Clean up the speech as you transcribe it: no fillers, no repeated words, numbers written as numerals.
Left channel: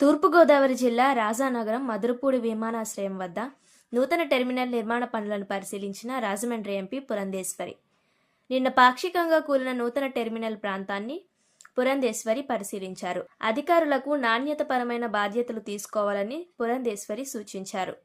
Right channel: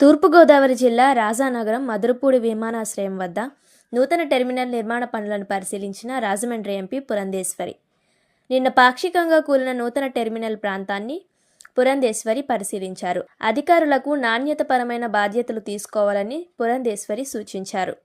తూర్పుగోదావరి జిల్లా రాజానగరం మధురపూడి విమానాశ్రయం వద్ద నూతన టెర్మినల్ నిర్మాణ పనులను పరిశీలించిన రాజమండ్రి ఎంపీ పురంధేశ్వరి. నిన్న పాక్షికంగా కూలిన నూతన టెర్మినల్ ప్రాంతాన్ని పురంధేశ్వరి పరిశీలించారు. అధికారులకు నాణ్యతపరమైన బాధ్యతలు తీసుకోవాలని పురంధేశ్వరి సూచించారు.